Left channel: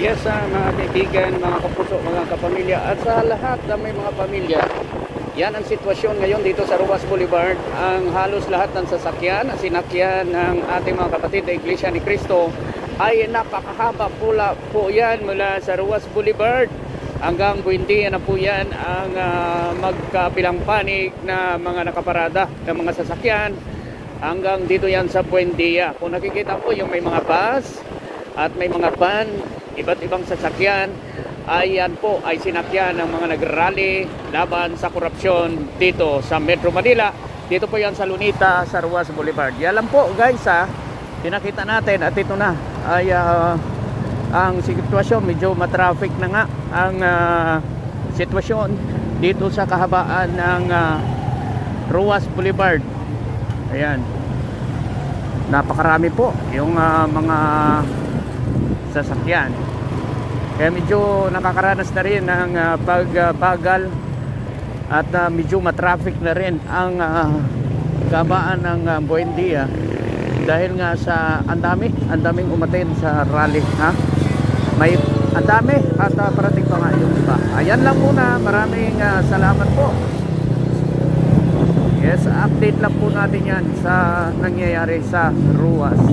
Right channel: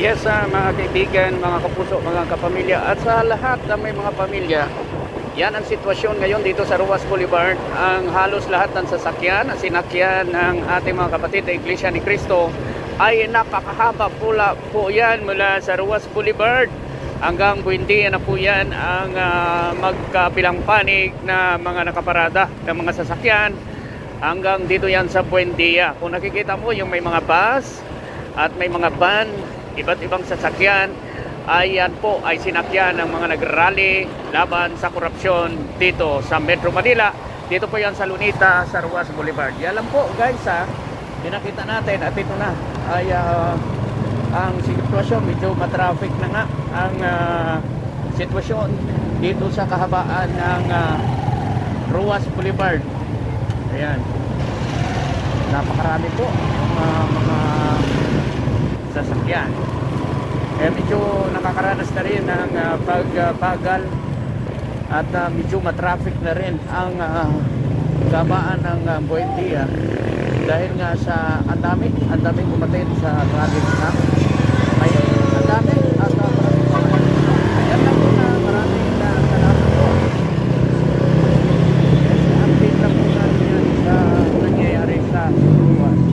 Yes, mga kaibigan, mga kapuso, mga kapamilya at sa lahat na may mga pamilya, yan ang sitwasyon ngayon dito sa Ruas Boulevard. Ang halos lahat ng sasakyan, sinakyan ng ating mga kapatid na Iglesia ni Cristo ay napakahaba pula po yan mula sa Ruas Boulevard hanggang Buendia na po yan ang magkabilang panig na mga nakaparada ng mga sasakyan hanggang dito yan sa Buendia. Kung nakikita mo yung may mga bus at may mga van, iba't ibang sasakyan, ayan po ay sinakyan ng mga nagrally laban sa korupsyon dito sa Metro Manila. Dito po yan sa Lunita, sa Ruas Boulevard. Yan lang po guys, pinakita natin at ito na ay ang sitwasyon. Medyo matraffic na nga ang sitwasyon dito sa kahabaan ng Ruas Boulevard. Ayan, napakarami po yung mga sasakyan. Medyo nakakaranas na rin ng pagbagal at medyo matraffic na rin ang gabaan ng Buendia dahil nga sa ang daming umattend sa rally na may ang dami at parating pa nga. Ayan lang muna, maraming salamat po. Yes, update lang po natin yan sa nangyayari sa Ruas.